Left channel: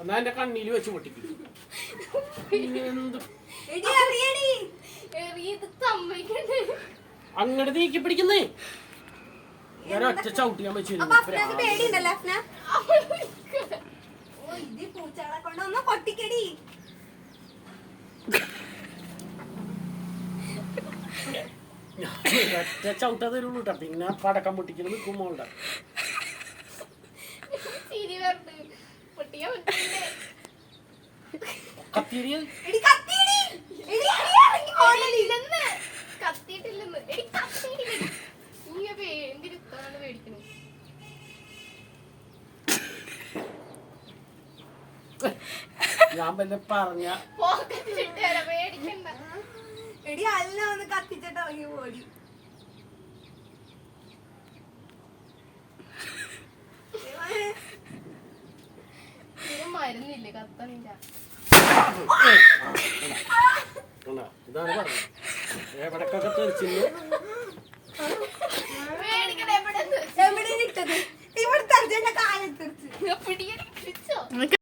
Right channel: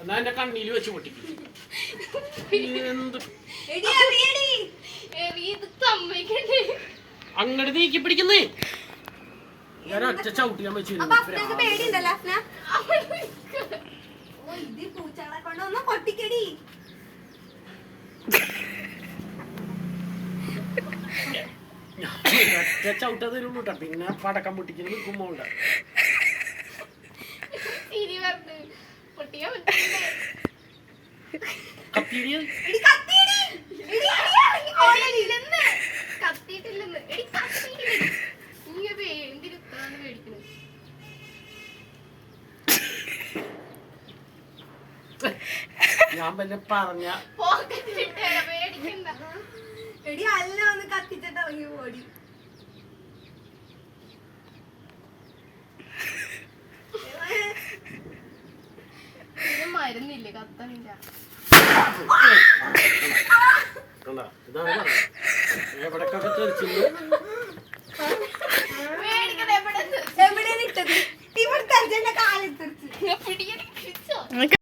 എന്നാ എന്റെ കണ്ണിൽ വെച്ച് പൊട്ടിക്ക്. അങ്ങോട്ട് നീക്കി പിടിക്കുന്നേ. ഞാൻ ഒറ്റ ചവിട്ടിയാൻ വെച്ചു. ഒറ്റ ചവിട്ടാ തരുള്ളൂ കേട്ടോ. പിന്നെ പടക്കം പൊട്ടിക്കല് നിൽക്കുമ്പോണ്ട ഞാൻ പിന്നെ പറഞ്ഞ എടി അല്ല ഒന്ന് കത്തിച്ചിട്ട് ഇറങ്ങി ഓടി. മരുന്നില്ലേ കത്തണില്ല. ഇതാണ് പറഞ്ഞത്. എവിടക്കൊക്കെ തെറിച്ചില്ല.